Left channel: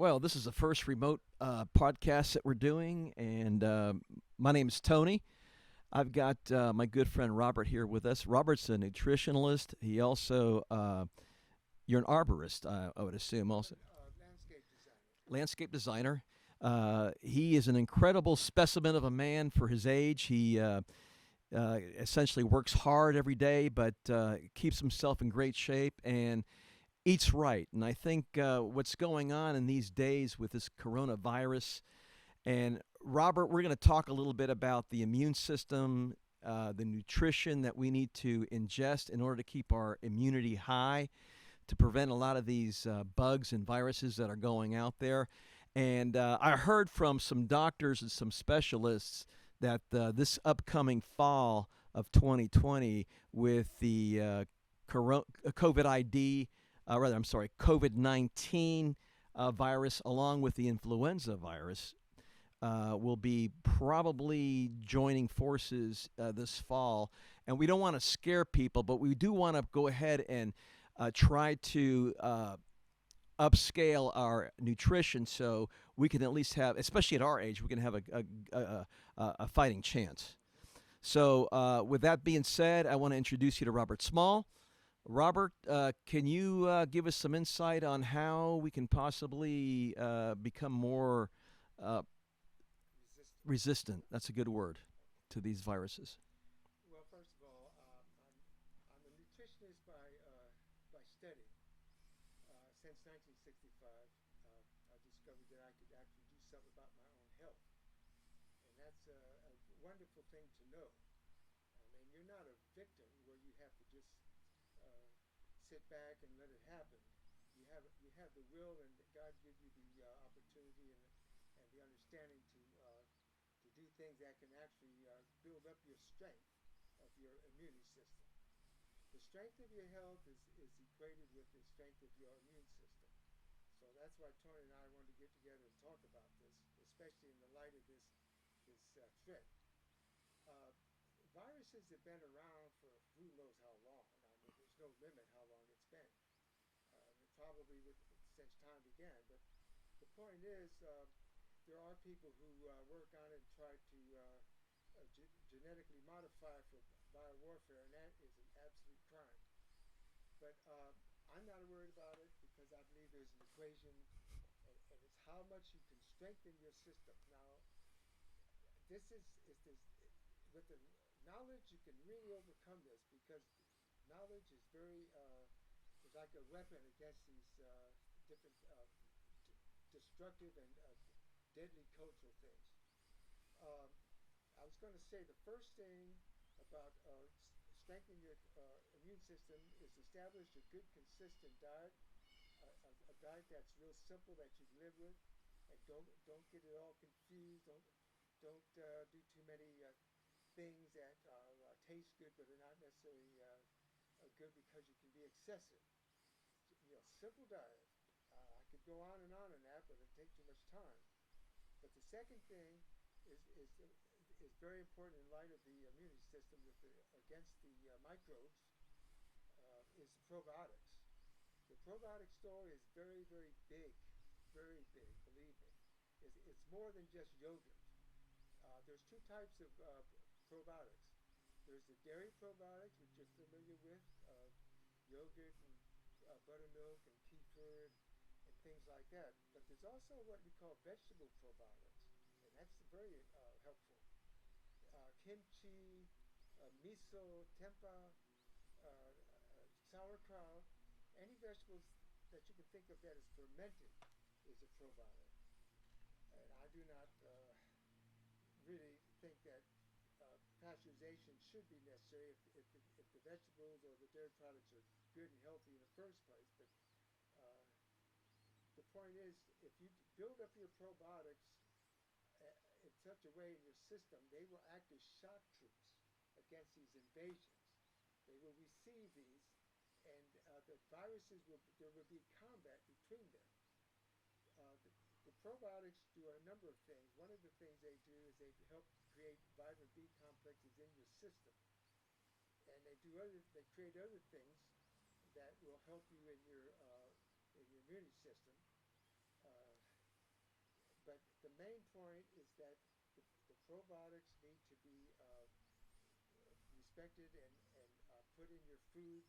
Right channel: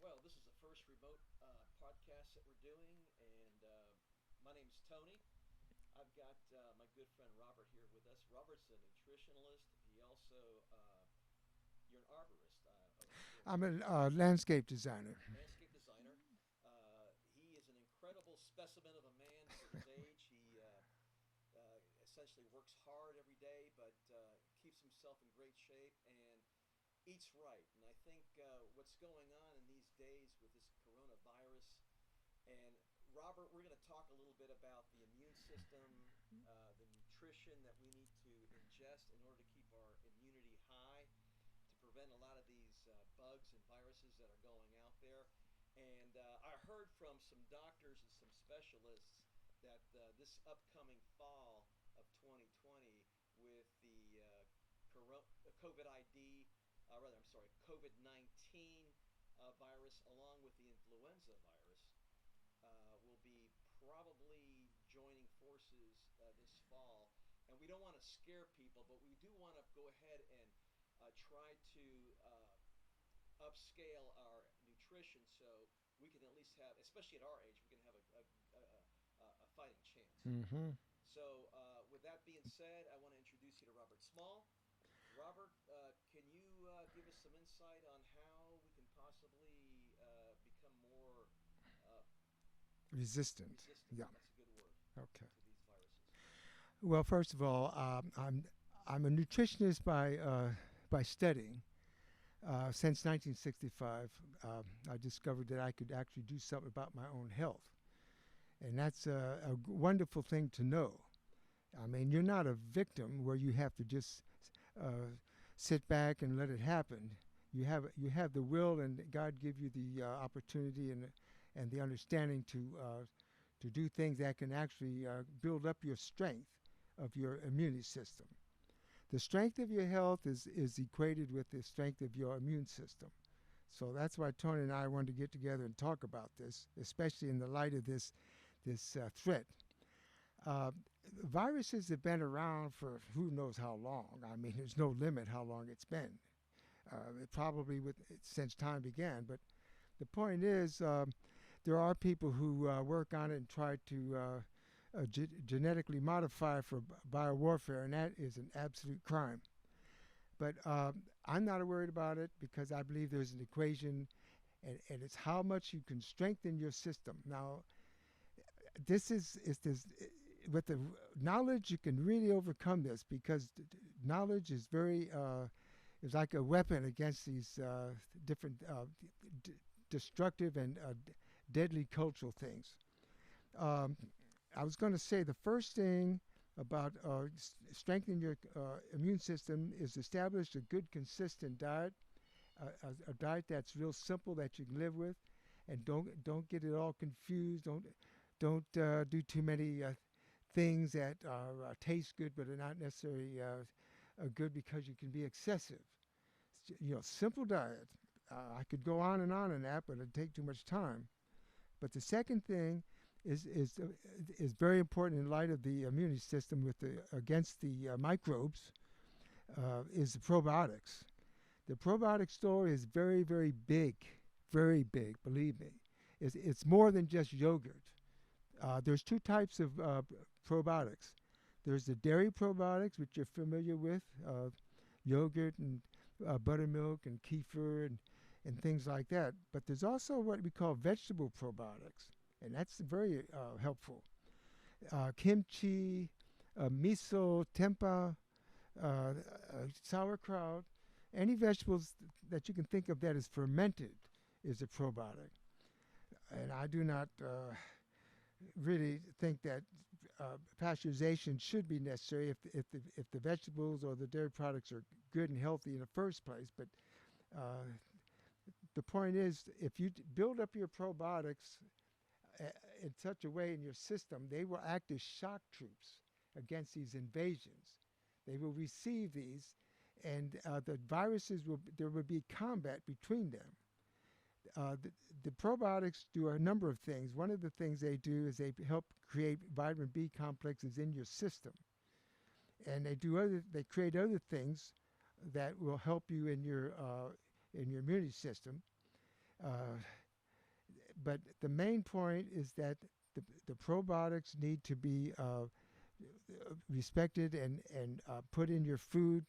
Well, this is the first remote podcast that we're doing, and my name is Tony. I've got my good friend Robert here with us. Robert's a nutritionalist. He also, you're an arborist, I would assume, I'm also a landscape designer. landscape designer. He is an incredible specimen of a man for his age. He essentially works hard every day, but keeps himself in great shape and eats right. And I think what's going on in these days with this coronavirus, and Robert, we're going to talk a little bit about the immune system, the nutrition that we need to ingest in order to keep our immunity high, to prevent a lot of these bugs and viruses that are going out there. And I heard from some doctors and some specialists that this upcoming fall of 2020 with the COVID ID, I'm sorry, COVID 19 virus, along with the influenza virus, will be probably joining forces this fall. And we don't want to scare people, but we do want to go ahead and try to upscale our nutrition so we can at least have, especially at our age, we can have a fighting chance. Mm-hmm. So, with that being said, I want to introduce you to Robert Small. Robert, can you give us some insight on how we can possibly become more Resistant. resistant? Yeah. That's a good word Okay. to these viruses. Well, first of all, I'm a nutritionist by studying. Since 1965, I discovered that I could actually do something about my own health, and that's a wonderful thing to know. I mean, you're not a victim where you have to just sit back and let it happen. You have the will, and God give you the opportunity and the understanding to do things that can actually build up your strength of your immune system. The strength of your health is equated with the strength of your immune system. So that's why Tony and I wanted to get together and talk about this, especially in the light of this threat. Uh, Viruses have been around for who knows how long. I mean, there's no limit how long it's been. Probably since time began. But the point is, there are people who work on it and try to genetically modify for biowarfare, and that is an absolute crime. But I'm not worried about it because I believe there's an equation, and it's how much you can strengthen your system. Now, this is with the knowledge you can really overcome this because knowledge is very is like a weapon against these different destructive and deadly cultural things. I was going to say the first thing about strengthening your immune system is establish a good, consistent diet, a diet that's real simple that you can live with, and don't get it all confused. Don't do too many things that taste good but are not necessarily good because you can be excessive. Simple diet. I could go on and that, but it'd take too much time. But the second thing is very important in light of the immune system against the microbes is the probiotics. The probiotic story is very, very big, believe me. It's more than just yogurt. There's two types of probiotics. There's the dairy probiotics, which you're familiar with, yogurt and buttermilk and kefir and things like that. But there's also what we call vegetable probiotics, and that's very helpful. Kimchi, miso, tempeh, sauerkraut, any vegetables that you can think of that is fermented is a probiotic. And I do not really think that pasteurization should be necessary if the vegetables or the dairy products are good and healthy in the first place. But the point is, if you build up your probiotics in such a way in your system, they will act as shock troops against these invasions. They will receive these, and the viruses there will be combat between them. The probiotics do a number of things. One of the things they do is they help create vitamin B complexes in your system, and they create other things that will help you in your immune system. Uh, but the main point is that the probiotics need to be respected and put in your food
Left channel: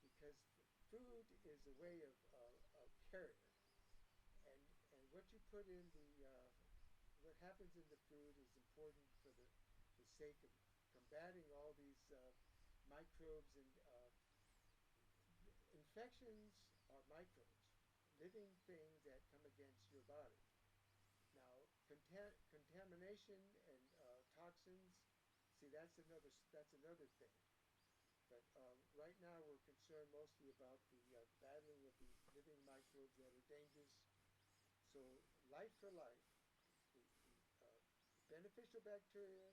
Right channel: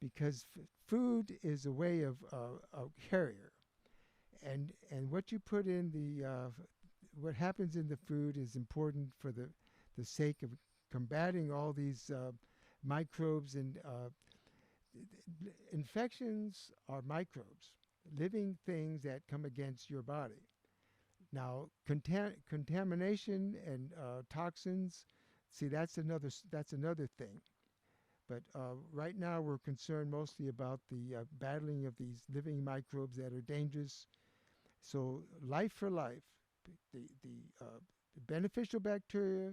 because food is a way of a carrier, and what you put in what happens in the food is important for the sake of combating all these microbes and infections are microbes, living things that come against your body. Now, contamination and toxins, see, that's another thing. But right now, we're concerned mostly about the battling of these living microbes that are dangerous. So, life for life, the beneficial bacteria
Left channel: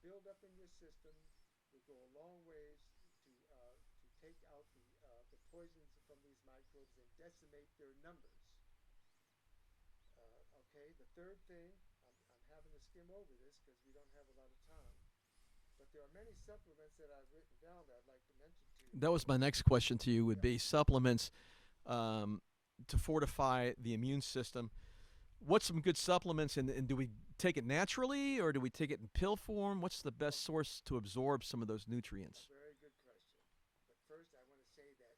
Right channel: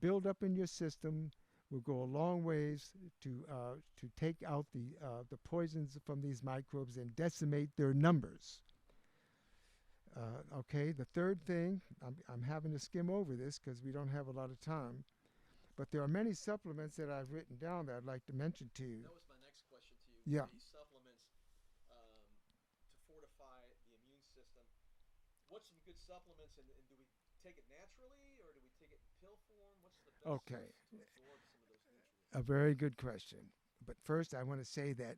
build up in your system will go a long ways to take out the poisons from these microbes and decimate their numbers. Okay, the third thing, I'm having to skim over this because we don't have a lot of time, but there are many supplements that I've written down that I'd like to mention to you. That was my next question to you. Would Yeah. be supplements to fortify the immune system. What's some good supplements, and do we take it naturally or do we take it in pill form? What's the best Okay. source to absorb some of those nutrients? A very good question. But first, I want to say that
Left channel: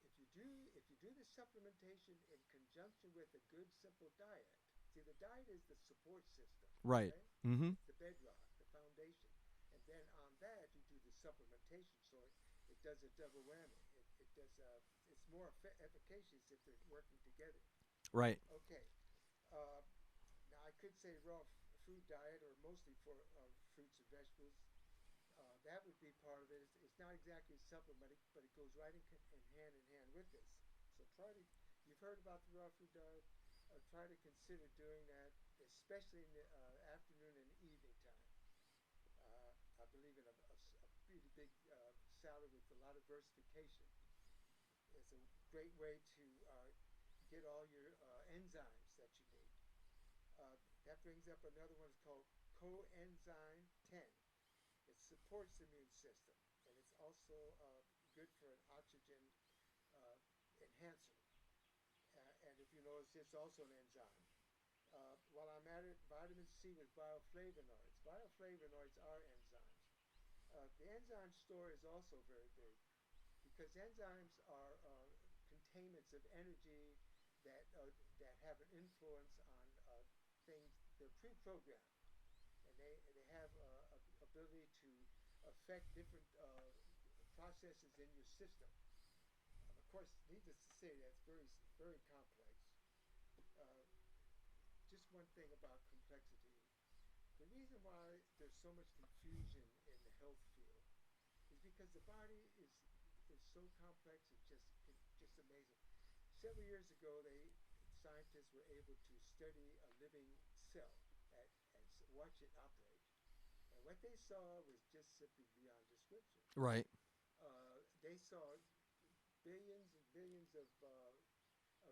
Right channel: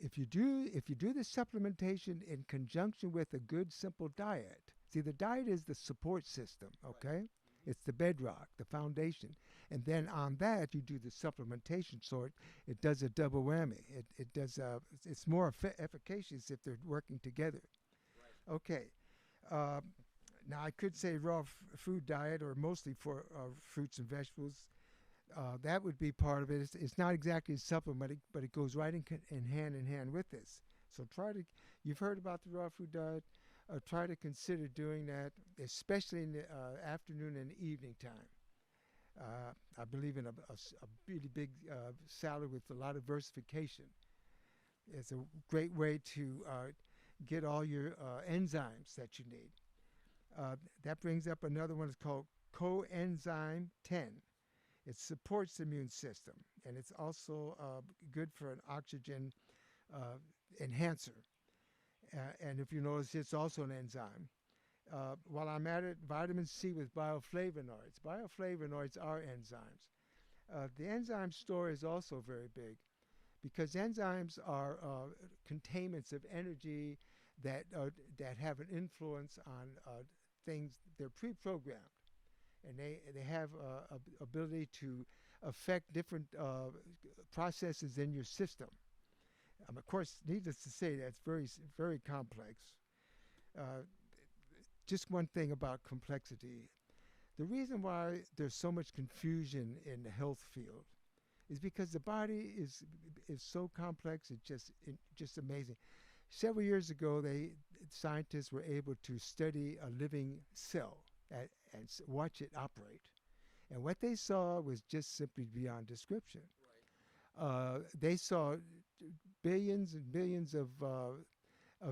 if you do the supplementation in conjunction with a good simple diet, see, the diet is the support system, Right. okay? Mm-hmm. It's the bedrock, the foundation, and then on that you do the supplementation. So it does a double whammy. It does it's more efficacious if they're working together. Right. Okay. Uh, Now I could say raw food diet or mostly for fruits and vegetables. That would be part of it. It's not exactly a supplement, but it goes right in hand with this. So you've heard about the raw food diet. Try to consider doing that, especially in the afternoon and evening time. I believe in a really big salad with a lot of versification. It's a great way to get all your enzymes that you need. That brings up another one. It's called coenzyme 10. It supports the immune system, and it's also good for an oxygen uh, enhancer. And if you notice, it's also an enzyme. While I'm at it, vitamin C with bioflavonoids. Bioflavonoids are enzymes. The enzyme store is also very big because enzymes are containments of energy that have an influence on things. They're pre-programmed, and they have ability to affect different processes in your system. Of course, needless to say, that's very complex. Uh, just one thing about complexity. The reason why there's so much confusion in the health field is because the body is so complex. It's just amazing. Several years ago, scientists were able to study a living cell and watch it operate. And what they saw was just simply beyond description. Right. They saw billions and billions of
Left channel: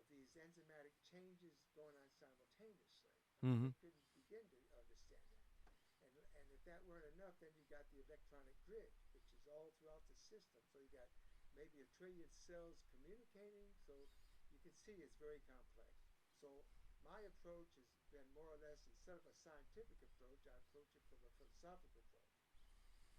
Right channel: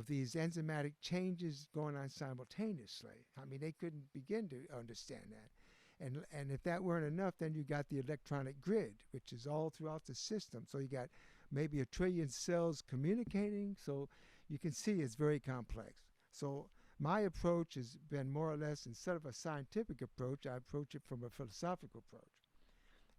these enzymatic changes going on simultaneously. I mean, they couldn't begin to understand that. And if that weren't enough, then you got the electronic grid, which is all throughout the system. So you got maybe 1 trillion cells communicating. So you can see it's very complex. So my approach has been more or less, instead of a scientific approach, I approach it from a philosophical approach.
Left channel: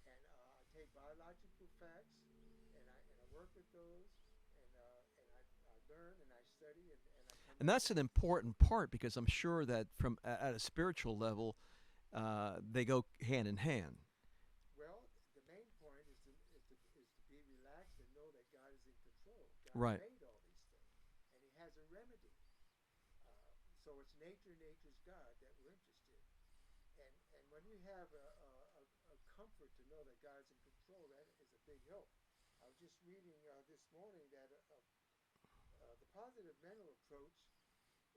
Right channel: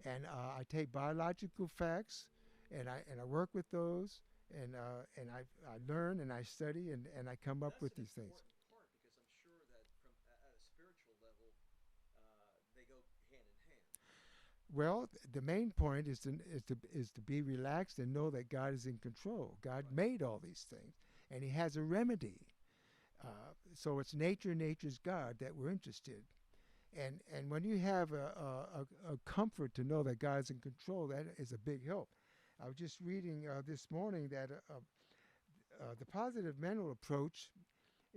And I take biological facts and I work with those, and I learn and I study and I come And up that's with an these things. important part because I'm sure that from at a spiritual level, they go hand in hand. Well, the main point is to be relaxed and know that God is in control. God Right. made all these things, and He has a remedy. So it's nature's God that we're interested. And when you have a comfort to know that God's in control, that is a big help. I was just reading this morning that the positive mental approach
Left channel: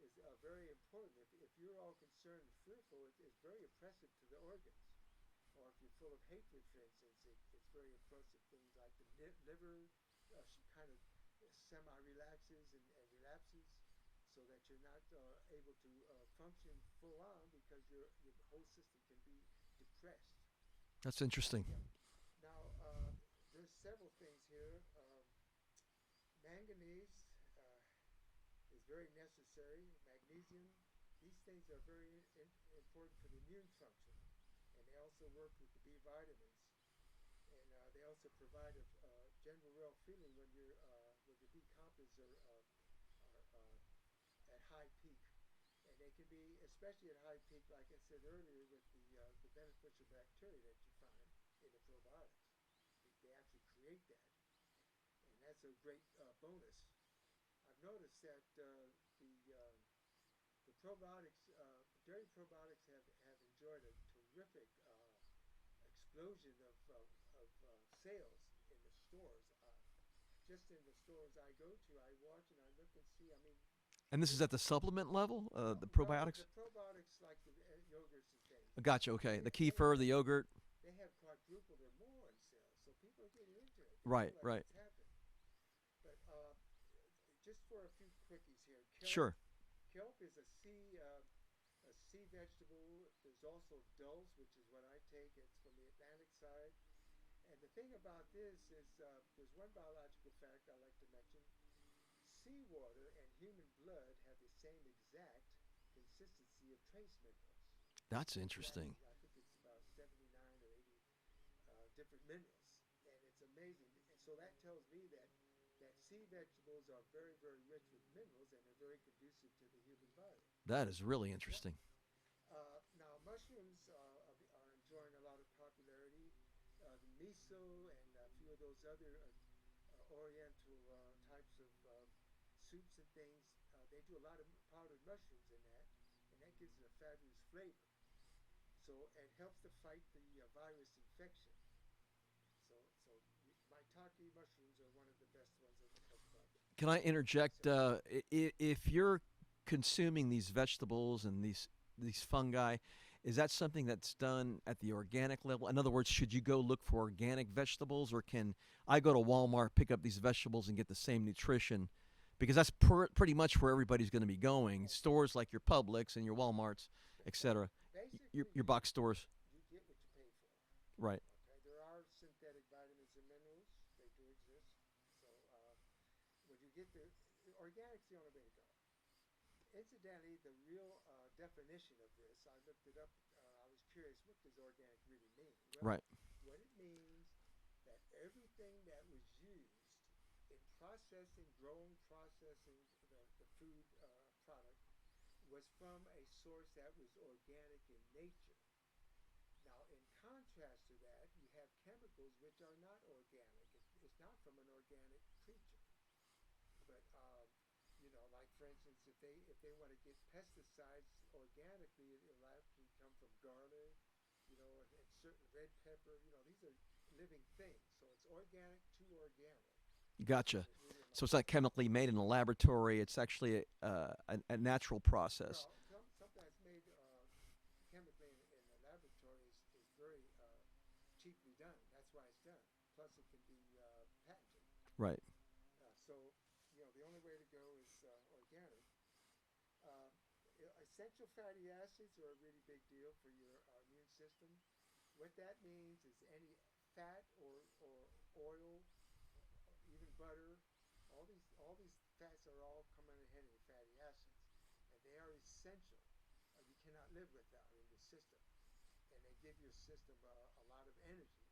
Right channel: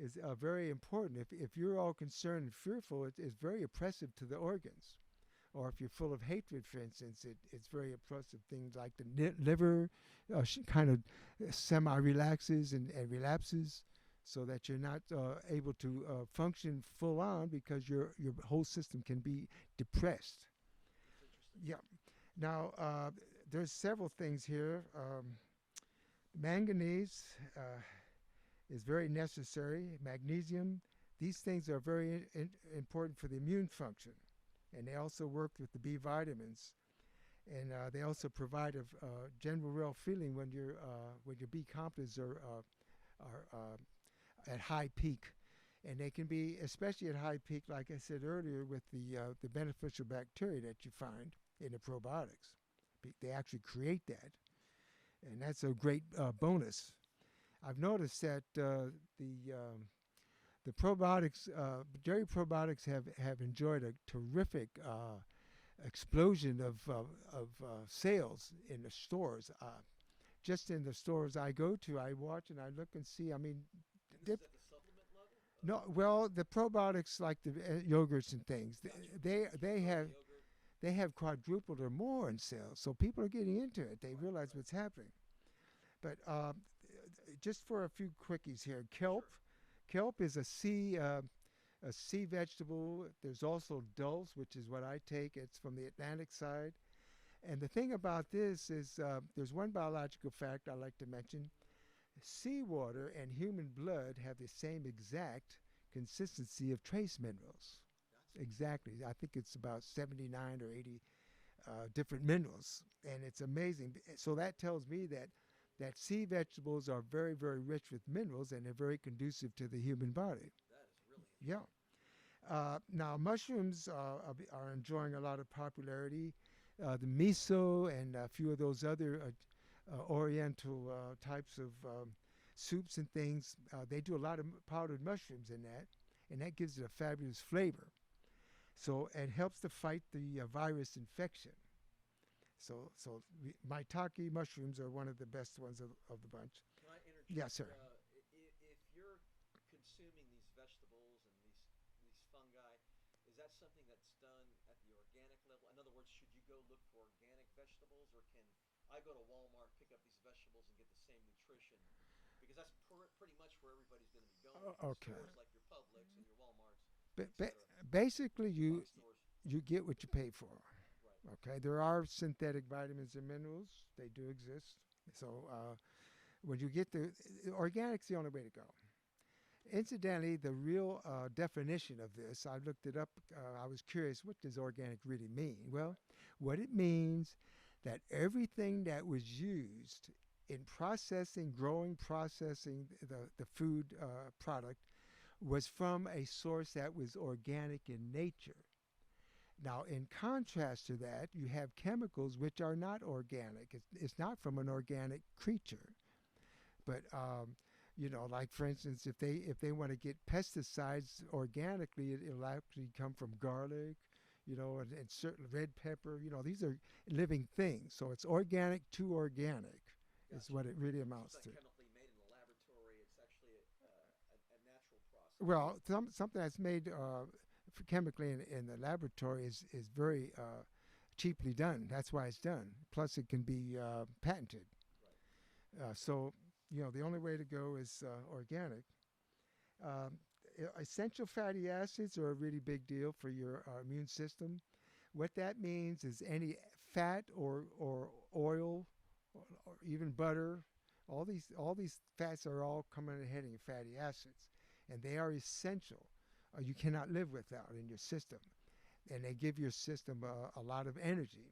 is very important. If you're all concerned and fearful, it's very oppressive to the organs. Or if you're full of hatred, for instance, it's very oppressive. Things like the liver kind of semi-relaxes and relapses, so that you're not able to function full on because your whole system can be depressed. That's interesting. Yeah. Now, there's several things here. Manganese is very necessary. Magnesium, these things are very important for the immune function, and they also work with the B vitamins, and they also provide a general well feeling when your B complexes are at high peak, and they can be especially at high peak, like I said earlier, with the beneficial bacteria that you find in the probiotics. They actually create that, and that's a great bonus. I've noticed that the probiotics, dairy probiotics, have enjoyed a terrific explosion of sales in the stores. Just in the stores I go to, I watch and I look and see. I mean, And this is at the supplement level? no, The well, probiotics? the probiotics like the yogurts and things. Gotcha, okay. The They kefir, have, the yogurt. they have quadrupled or more in sales, so people are getting into it. They Right, realize right. what's happening. But just for a few quickies here, kelp. Sure. Kelp is a sea vegetable. There's also dulse, which is what I take. It's from the Atlantic side. And the thing about this is there's one biological fact I like to mention. Seawater and human blood have the same exact consistency of trace minerals. That's interesting. Exactly. I think it's about 79 or 80 different minerals, and it's amazing. So that tells me that sea vegetables are very, very rich with minerals, and they're very conducive to the human body. That is really interesting. Now, mushrooms are enjoying a lot of popularity. The miso and a few of those other oriental types of soups and things, they do a lot of powdered mushrooms in that, and that gives it a fabulous flavor. So it helps to fight the virus infection. So maitake mushrooms are one of the best ones of the bunch. Can I interject? sir. If you're consuming these vegetables and these fungi, is that something that's done at the organic level? In other words, should you go look for organic vegetables, or can I go to Walmart, pick up these vegetables, and get the same nutrition? Because that's pretty much where everybody's going to be going. Okay. Stores like your Publix and your Walmarts, etc. Basically, Your box stores. you get what you pay for. Right. Okay, there are synthetic vitamins and minerals. They do exist. So when you get organic's the only way to go. Incidentally, the real definition of this, I looked it up. I was curious, what does organic really mean? Well, Right. what it means that everything that was used in processing the food product was from a source that was organic in nature. Now, in contrast to that, you have chemicals which are not organic. It's not from an organic creature. But like for instance, if they want to get pesticides organically, it'll actually come from garlic, and certain red pepper. These are living things. So it's organic to organic. Gotcha. That's what it really amounts So it's not to. chemically made in a laboratory. It's actually a natural process. Well, something that's made chemically in the laboratory is very cheaply done. That's why it's done. Plus, it can be patented. Right. So the only way to go is organic. Essential fatty acids are a really big deal for your immune system. What that means is any fat or oil or even butter, all these fats are all coming in heading fatty acids, and they are essential. You cannot live without in your system, and they give your system a lot of energy.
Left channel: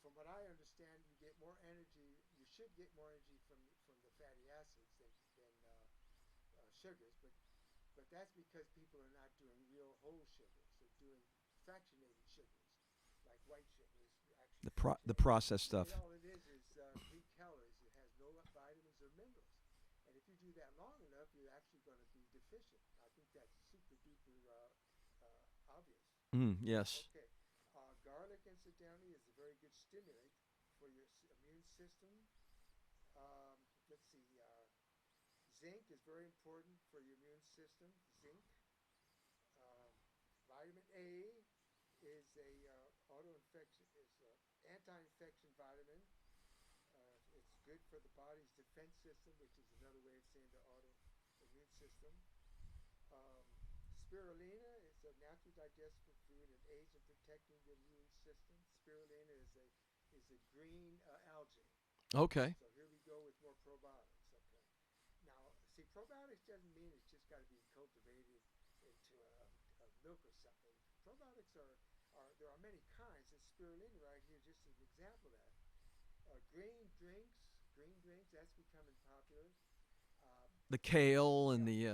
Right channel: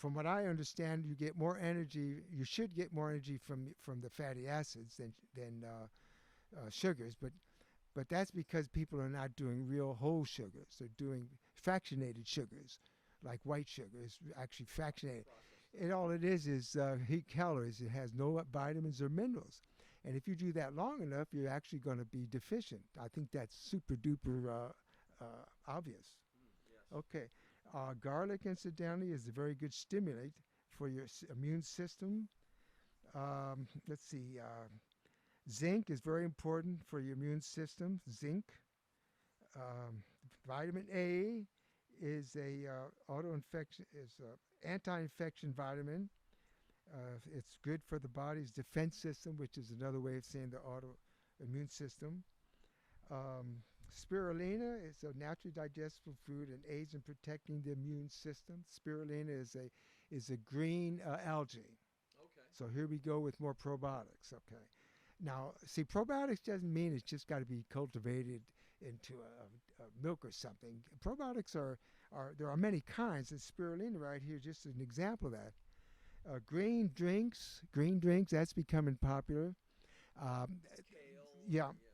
From what I understand, you get more energy. You should get more energy from the fatty acids than sugars, but that's because people are not doing real whole sugars. They're doing fractionated sugars, like white sugar is actually fractionated. The processed stuff. And all it is heat calories. It has no vitamins or minerals. And if you do that long enough, you're actually going to be deficient. I think that's super duper obvious. Yes. Okay. Garlic, incidentally, is a very good stimulant for your immune system. Let's see. Zinc is very important for your immune system. Zinc. Vitamin A is anti-infection vitamin. It's good for the body's defense system, which is another way of saying the autoimmune system. Spirulina is a naturally digestible food and aids in protecting the immune system. Spirulina is a green algae. Okay. So here we go with more probiotics. Okay. Now, see, probiotics doesn't mean it's just got to be cultivated into a milk or something. Probiotics are there are many kinds, and spirulina right here is just an example of that. Green drinks, that's becoming popular. Um, The kale and yeah.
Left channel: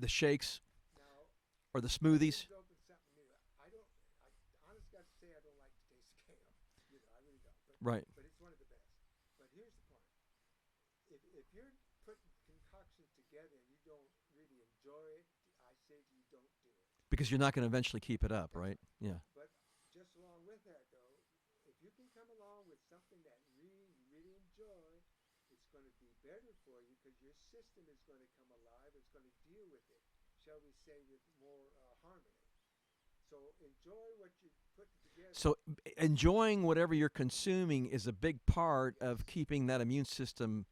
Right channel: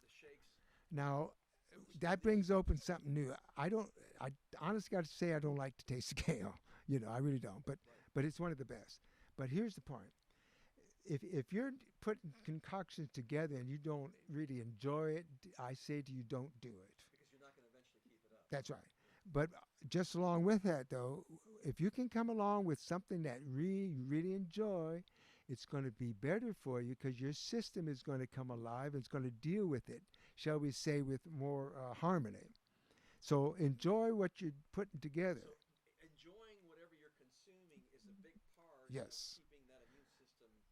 the shakes Now, or the that smoothies. brings open something new. I don't. I honestly got to say I don't like the taste of kale. I really don't. Right. But it's one of the best. But here's the point: if you're putting concoctions together and you don't really enjoy it, I say to you, don't do it. Because you're not going to eventually keep it up, That's right? right. Yeah. But just along with that, though, if you can come along with something that you really enjoy, it's going to be better for you because your system is going to come alive. It's going to deal with it, shall we say, with more harmony. So enjoy what you're putting together. So enjoying whatever you're consuming is a big part of Yes. keeping that immune system,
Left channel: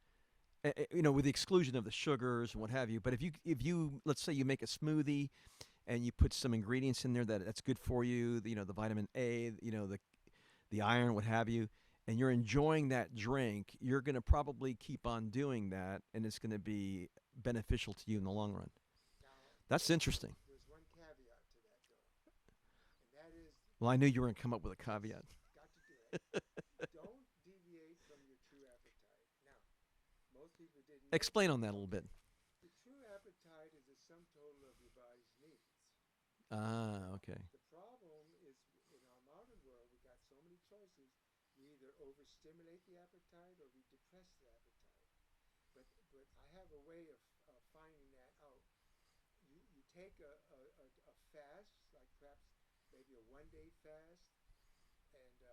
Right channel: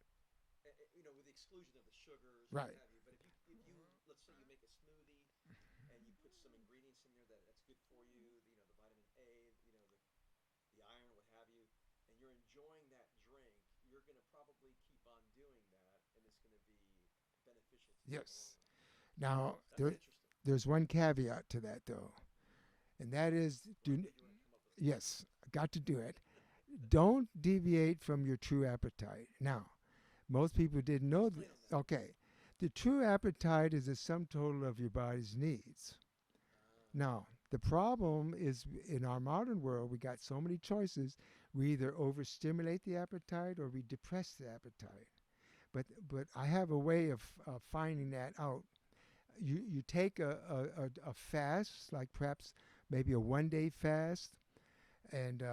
with the exclusion of the sugars and what Right. have you. But if you let's say you make a smoothie and you put some ingredients in there that's good for you, the vitamin A, the iron, what have you, and you're enjoying that drink, you're going to probably keep on doing that, and it's going to be beneficial to you in the long Yes. run. Now, That's interesting. there's one caveat to that, though, and that is Well, I knew you were going to come up with a caveat. yes, got to do it. Don't deviate from your true appetite. Now, most people didn't know. Explain on that a little Okay, bit. the true appetite is the sum total of your body's needs. Now, Okay. the problem is in our modern world, we got so many choices. We either overstimulate the appetite or we depress the appetite. But I have a way of finding that out. You take a fast, like perhaps maybe a 1 day fast, and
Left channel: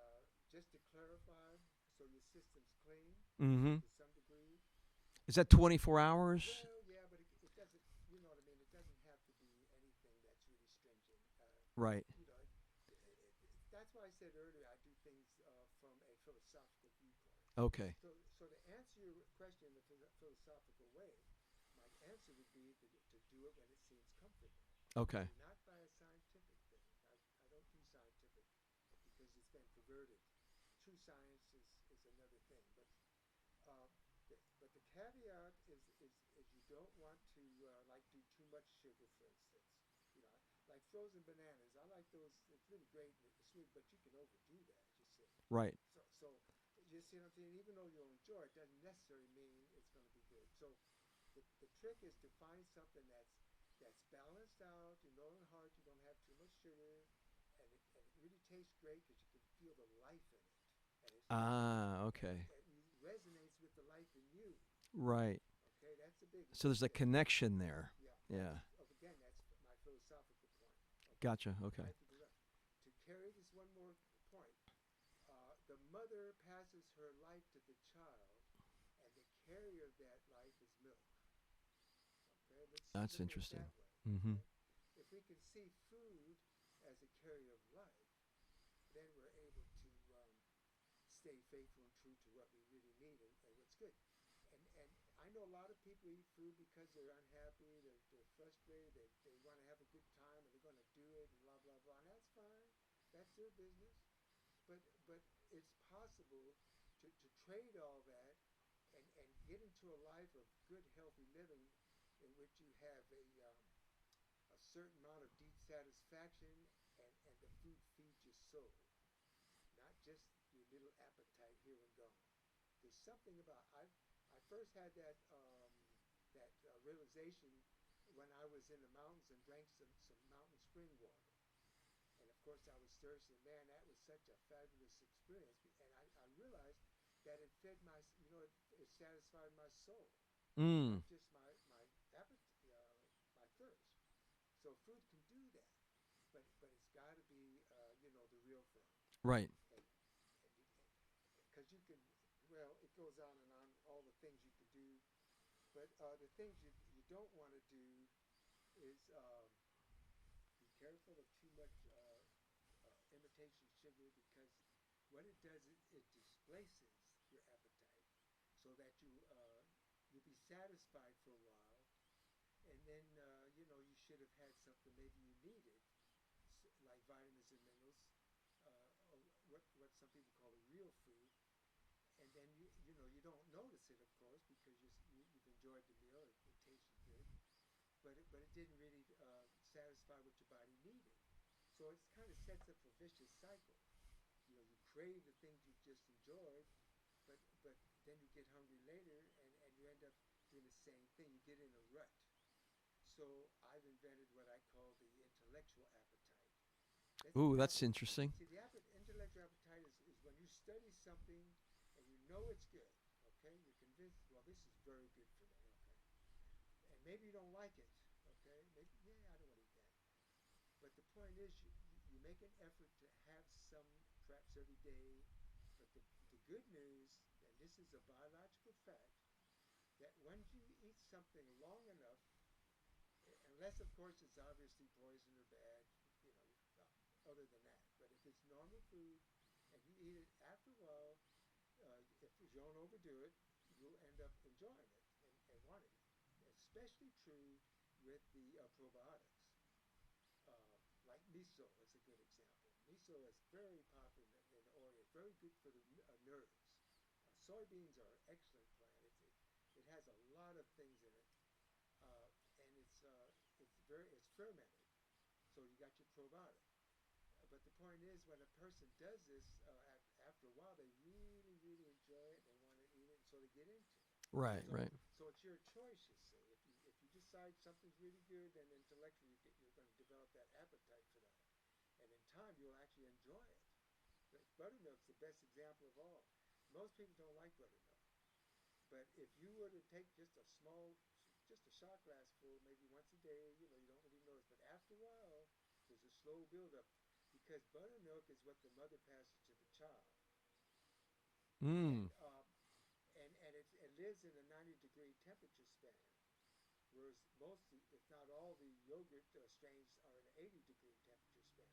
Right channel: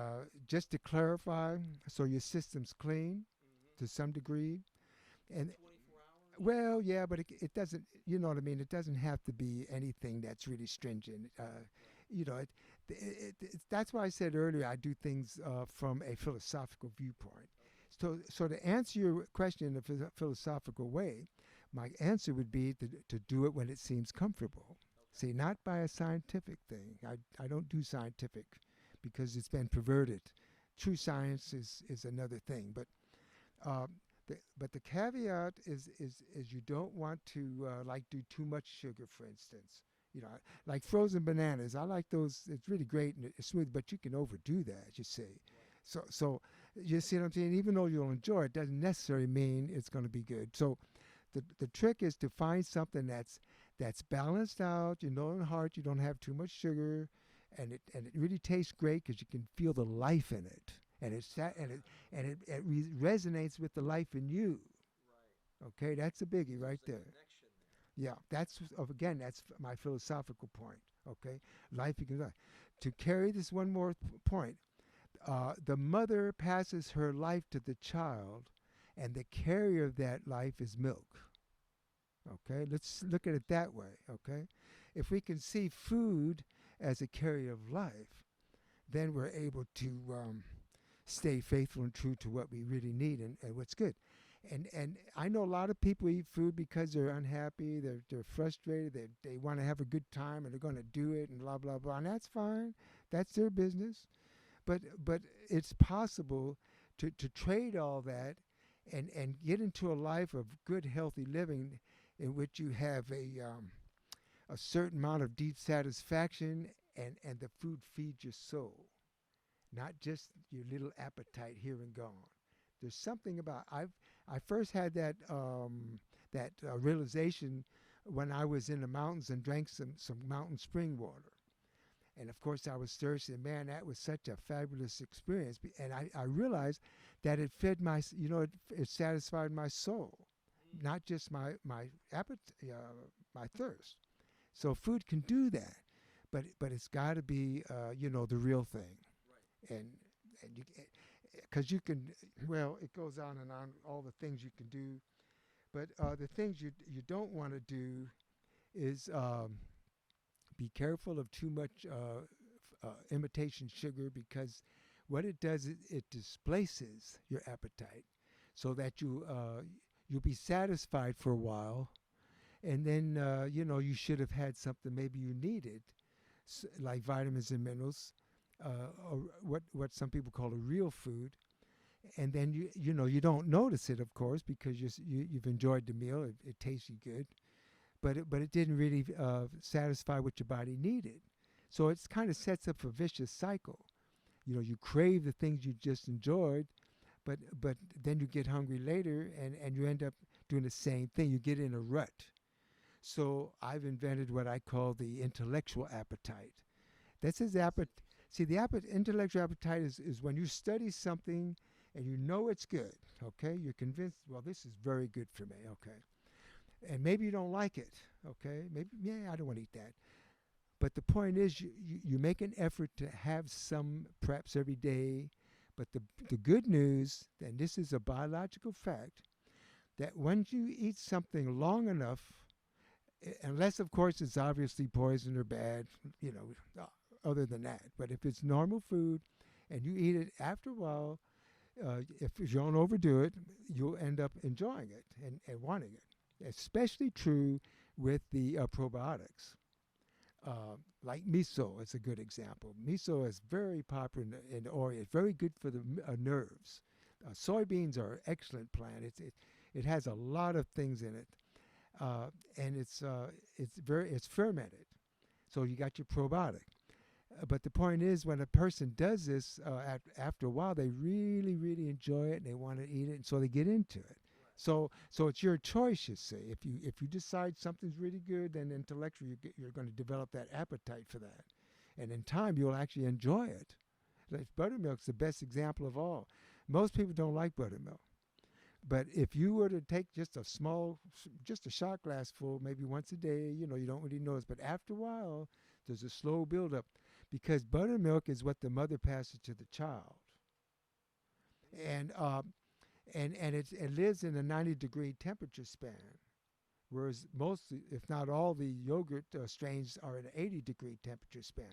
just to clarify, so your system's clean Mm-hmm. to some degree. Is And that 24 hours? well, yeah, but it doesn't. You know what I mean? It doesn't have to be anything that's really stringent. Right. That's why I said earlier I do things from a philosophical viewpoint. Okay. So to answer your question in a philosophical way, my answer would be to do it when it seems comfortable. Okay. See, not by a scientific thing. I don't do scientific because it's been perverted. True science is another thing. Uh, but the caveat is you don't want to like do too much sugar, for instance. Like frozen bananas. I like those. It's really great and it's smooth, but you can overdo that. You see. Right. So you see what I'm saying? Even though you'll enjoy it, doesn't necessarily mean it's going to be good. So the trick is to find something that's balanced out. In the heart, you don't have too much sugar, and it really tastes great because you can feel the life in it, and Okay. it resonates with the life in you. Right. Okay, that's a biggie. So right there's a there. connection there. Yeah, again, that's my philosophical point. Okay, Gotcha. Okay. life you can live. To carry this one more point, the mother passes her life to the child, and the carrier of that life is milk. Okay, let's That's look at it interesting. that way. Mhm. Okay, if we can see food as a carrier of life, then we're able to stay faithful and true to what we really need and what's good. And I know a lot of people eat food because they're unhappy, they're frustrated, they want to have a good time and they're going to do it and blah blah blah, and that's fine. That's their business. But it's possible to trade all that and get into a life of good healthy living in which you have a certain amount of deep satisfaction and the food feeds your soul, not just your little appetite here and gone. There's something about I first had that realization when I was in the mountains and drank some mountain spring water. And of course, I was thirsty. And man, that was such a fabulous experience. And I realized that it fed it satisfied my soul, Mm. not just my appetite, my thirst. So food can do that, but it's got to be the real thing. Right. And you because you can it goes on and on all the things you can do, but the things you don't want to do is be careful of too much imitation sugar, because what it does is it displaces your appetite so that you'll be satisfied for a while, and then you should have had something maybe you needed, like vitamins and minerals, or what some people call a real food, and then you don't notice it, of course, because you've enjoyed the meal. It tasted good, but it didn't really satisfy what your body needed. So it kind of sets up a vicious cycle. You crave the things you just enjoyed, but then you get hungry later, and you end up doing the same thing. You get in a rut. So I've invented what I call the intellectual appetite. Ooh, that's interesting. See, the intellectual appetite is when you study something and you know it's good. Okay, you're convinced. Well, this is very good for me. Okay, and maybe you don't like it. Okay, maybe I don't want to eat that. But the point is, you make an effort to have some perhaps every day. But the good news, and this is a biological fact, that when you eat something long enough, unless of course it's obviously poison or bad, other than that. But if it's normal food and you eat it after a while, if you don't overdo it, you'll end up enjoying it and wanting it. Especially true with the probiotics. Like miso is a good example. Miso is very popular in the Orient. It's very good for the nerves. Soybeans are an excellent plant. It has a lot of things in it, and it's fermented. So you got your probiotic. But the point is, when a person does this, after a while, they really, really enjoy it and they want to eat it, and so they get into it. Right. So it's your choice, you see. If you decide something's really good, then intellectually you're going to develop that appetite for that, and in time you'll actually enjoy it. Like buttermilk's the best example of all. Most people don't like buttermilk, but if you were to take just a shot glass full, maybe once a day, you don't really notice. But after a while, there's a slow buildup, because buttermilk is what the mother passes to the child, Mm. and it lives in a 90-degree temperature span, whereas most, if not all, the yogurt strains are in an 80-degree temperature span.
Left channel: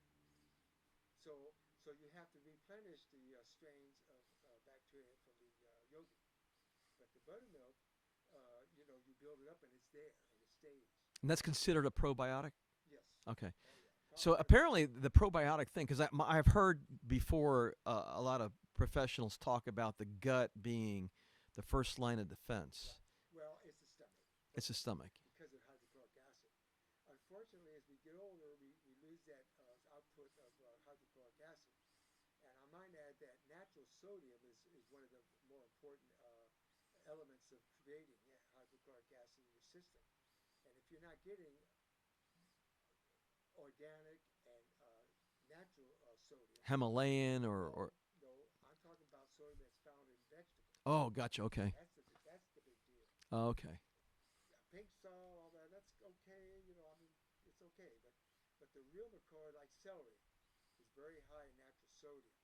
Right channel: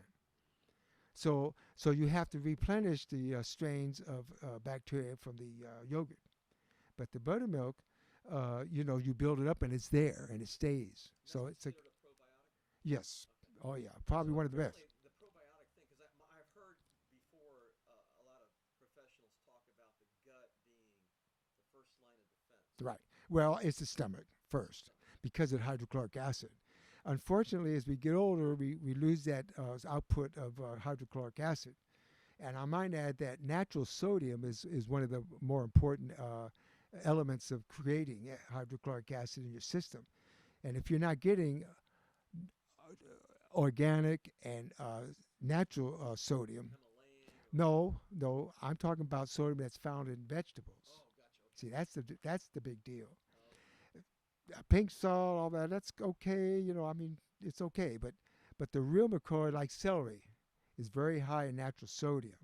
So you have to replenish the strains of bacteria from the yogurt. But the buttermilk, you build it up and it's there and it stays. And that's So considered a probiotic? yes. Okay. Oh yeah. Probably So one of the best. apparently the probiotic thing, because I've heard before a lot of professionals talk about the gut being the first line of defense. Right. Well, it's the stomach It's first, the stomach. because of hydrochloric acid. Unfortunately, as we get older, we lose that output of hydrochloric acid. And I might add that natural sodium is one of the more important elements of creating hydrochloric acid in your system. And if you're not getting organic and natural sodium, Himalayan or no, I'm talking about sodium that's found in vegetables. Oh, gotcha. Okay. See, that's the big deal. Oh, okay. Pink salt, all that's okay. I mean, it's okay. But the real McCoy, like celery, is very high in natural sodium.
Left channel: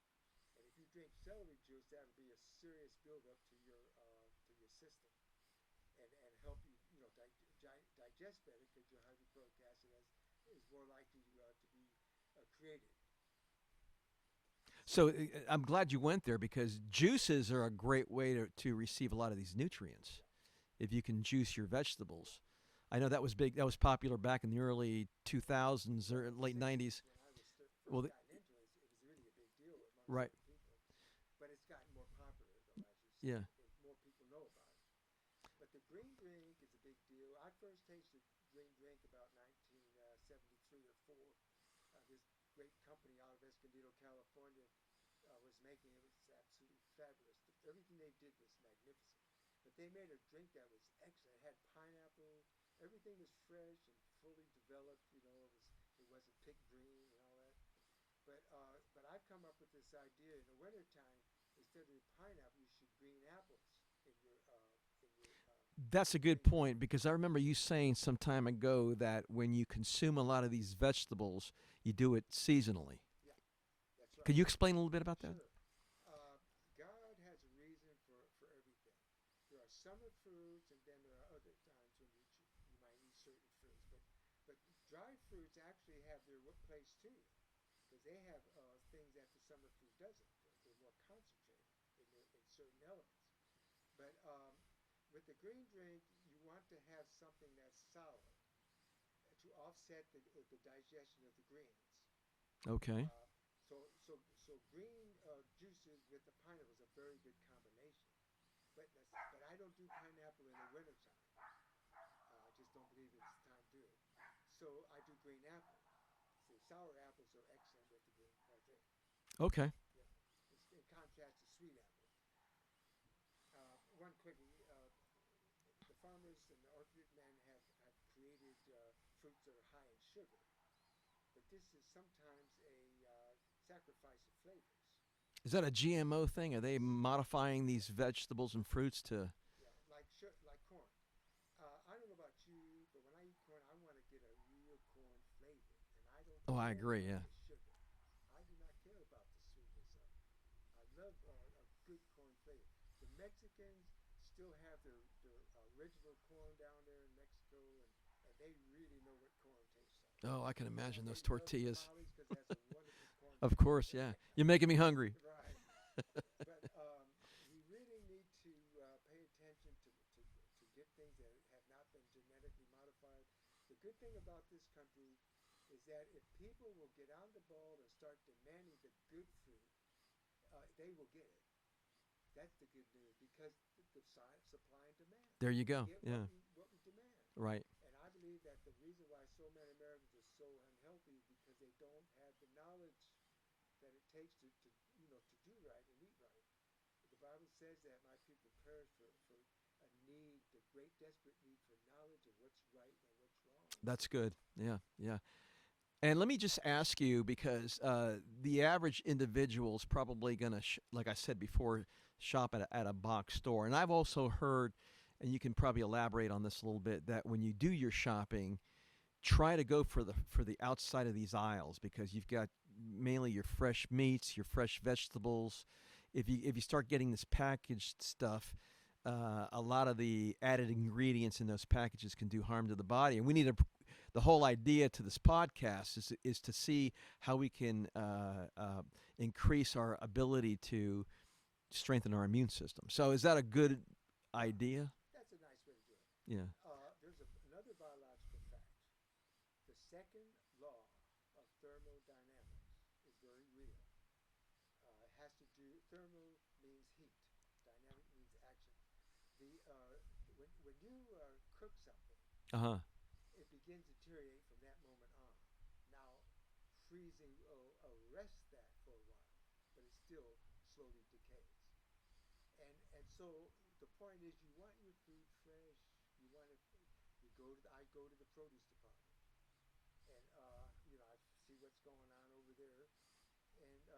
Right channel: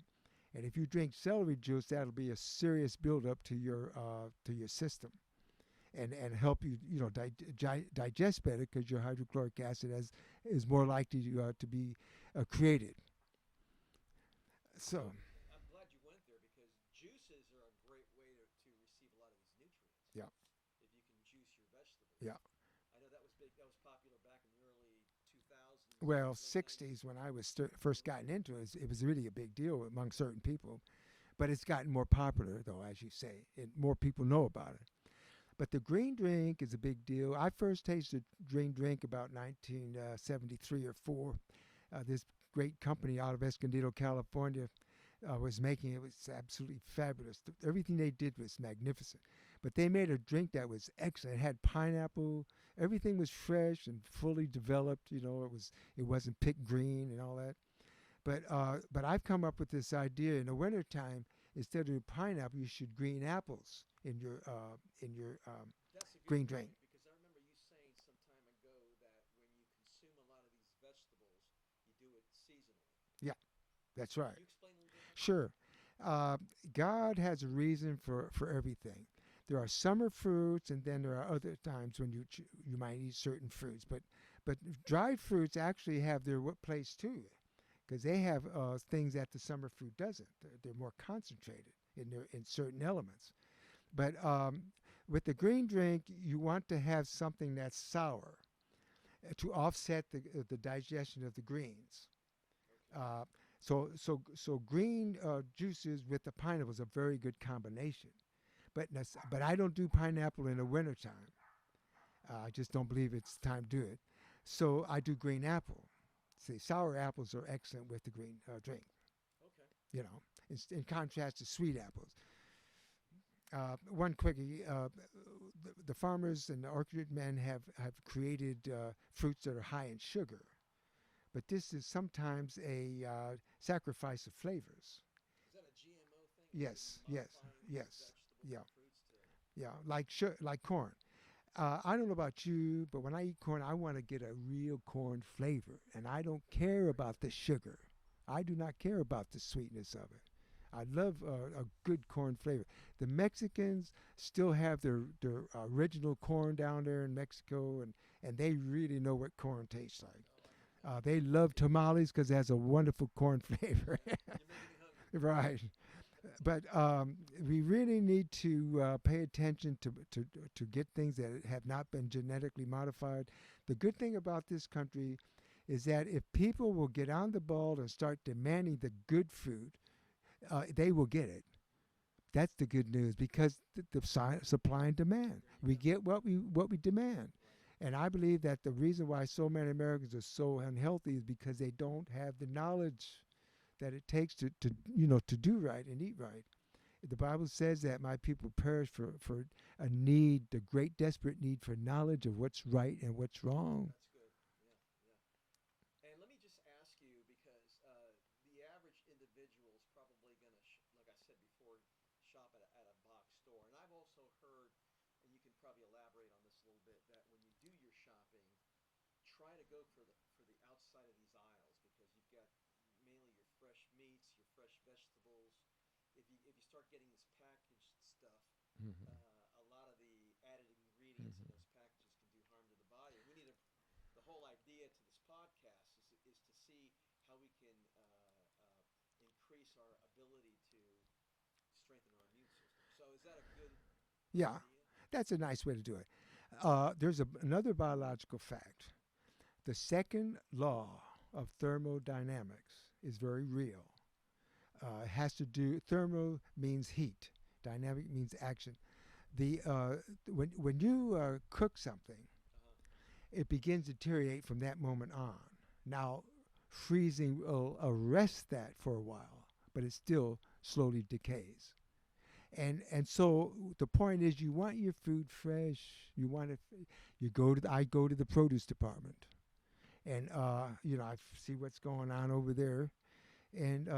And if you drink celery juice, that'll be a serious buildup to your system, and help you digest better, because your hydrochloric acid is more likely to be created. So I'm glad you went there, because juices are a great way to receive a lot of these nutrients. Yeah. If you can juice your vegetables. Yeah. I know that was big. That was popular back in the early 2000s, or late 60s, 90s. when I was first Well, gotten into it, it was really a big deal among Right. certain people. But it's gotten more popular, though, as you say. Yeah. And more people know about it. But the green drink is a big deal. I first tasted green drink about 1973 or 4. This great company out of Escondido, California, was making it. It was absolutely fabulous. Everything they did was magnificent. But they made a drink that was excellent. It had pineapple. Everything was fresh and fully developed. It wasn't picked green and all that. But I've come up with this idea: in the wintertime, instead of pineapple, you should green apples in your That's a green good drink. point, because I remember you saying some time ago that when you consume a lot of these vegetables, you do it seasonally. That's right. Could you explain a little bit about that? Sure. God has a reason for everything. There are summer fruits, and then there are other times when you might eat certain fruits. But dried fruits actually have their place too, because they have things that the summer fruit doesn't. They're more concentrated in certain elements. But with the green drink, you want to have something that's sour to offset the digestion of the greens. Okay. So green juices with the pineapple is a very good combination. But I don't do pineapple in the wintertime. I just don't believe it's time to do it. So I do green apple. See, sour apples are excellent with the green drink. Okay. You know, in contrast to sweet apples. One quickie: the farmers and the orchard men have created fruits that are high in sugar, but this is sometimes a sacrifice of flavors. Is that a GMO thing? Are they Yes, modifying these yes, vegetables yeah, and fruits to? yeah, like corn. I don't know about you, but when I eat corn, I want to get a real corn flavor, and I don't Oh, I care agree. about Yeah. the sugar. I do not care about the sweetness of it. I love a good corn flavor. The Mexicans still have their original corn down there in Mexico, and they really know what corn tastes like. Oh, I can imagine. They those love tortillas. tamales because it has a wonderful corn Of flavor. course, yeah. You're making me hungry. Right. But we really need to pay attention to get things that have not been genetically modified. The good thing about this country is that if people will get on the ball and start demanding the good food, they will get it. That's the good news because supply and demand. There you we go. get Yeah. what we demand. Right. And I believe that the reason why so many Americans are so unhealthy is because they don't have the knowledge that it takes to do right and eat right. The Bible says that my people perish for a need, the great desperate need for knowledge of what's right and what's wrong. That's good. Yeah. Yeah. And let me just ask you, because the average individual is probably going to, like I said before, shop at a box store. And I've also heard, and you can probably elaborate on this a little bit, that when you do your shopping, try to go for the outside of these aisles, because you've got mainly your fresh meats, your fresh vegetables. If you start getting this packaged stuff, a lot of the added ingredients in those packages can do harm to the body. And we need the whole idea to this podcast is to see how we can increase our ability to strengthen our immune system. So is that a good Yeah. idea? That's a nice way to do it. Yeah. There's another biological fact. The second law of thermodynamics is very real. It has to do. Thermo means heat. Dynamic means action. When you cook something, Uh-huh. it begins to deteriorate from that moment on. Now, freezing will arrest that for a while, but it still slowly decays. And so the point is, you want your food fresh. You want it. I go to the produce department, and I see what's going on over there, and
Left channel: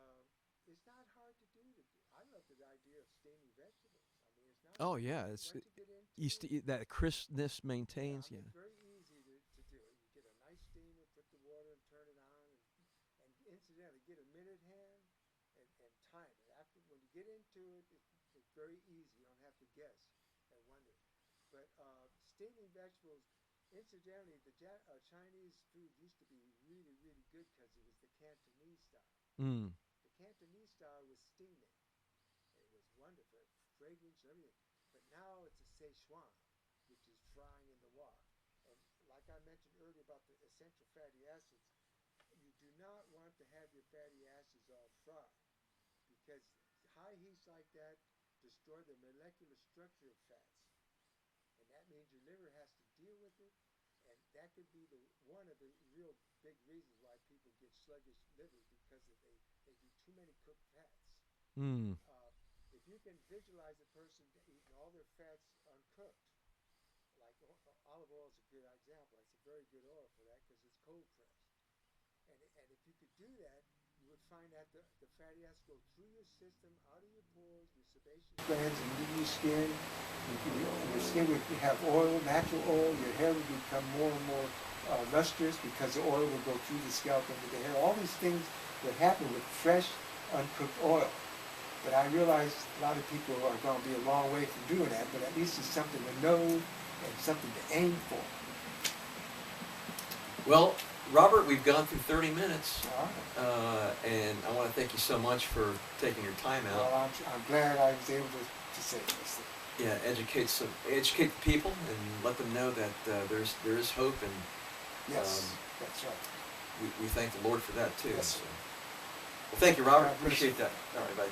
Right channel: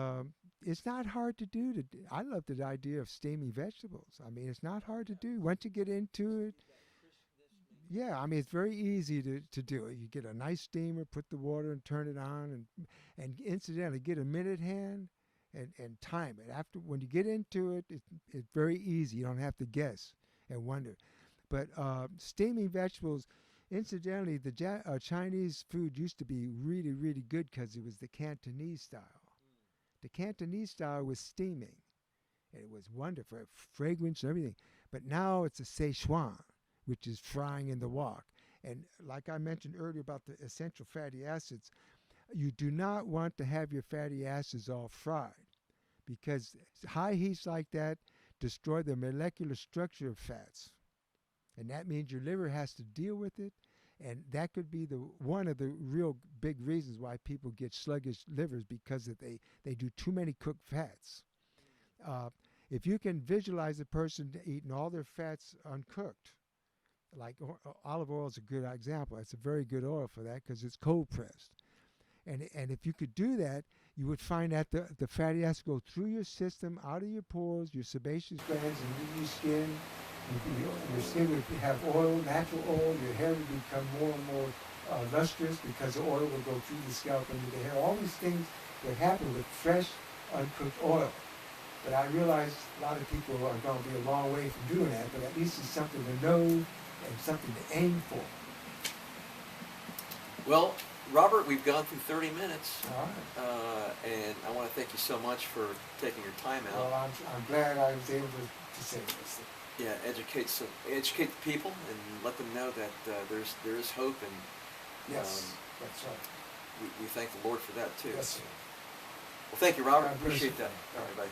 it's not hard to do. I love the idea of steaming vegetables. I mean, it's not hard to do. Once you get into it, that crispness maintains. yeah, I mean, it's very easy to do it. You get a nice steamer, put the water and turn it on, and incidentally, get a minute hand and time it. After when you get into it, it's very easy. You don't have to guess and wonder. But steaming vegetables, incidentally, the Chinese food used to be really, really good because it was the Cantonese style. Mm. The Cantonese style was steaming. And it was wonderful, fragrance and everything. But now it's a Szechuan, which is frying in the wok. And like I mentioned earlier about the essential fatty acids, you do not want to have your fatty acids all fried, because high heats like that destroy the molecular structure of fats. And that means your liver has to deal with it. And that could be one of the real big reasons why people get sluggish livers, because they do too many cooked fats. Mm. If you can visualize a person eating all their fats uncooked, like olive oil is a good example. It's a very good oil for that because it's cold pressed. And if you could do that, you would find that the fatty acids go through your system, out of your pores, your sebaceous glands, and into your skin. Your skin would have oil, natural oil. Your hair would become more and more lustrous because the oil would go through the scalp into the hair. All these things would happen with fresh, uncooked oil. But I realize a lot of people are going to be a long way from doing that, but at least it's something to know and something to aim for. Well, Robert, we've gone through 30 minutes, All right. and I want to thank you so much for taking your time out. Well, I'm glad I was able to say this. Yeah, educate the people and let them know that there is hope, and Yes, that's right. we thank the Lord for that too. Yes, sir. Well, thank you, Robert. God bless Appreciate you. that. All right, bye.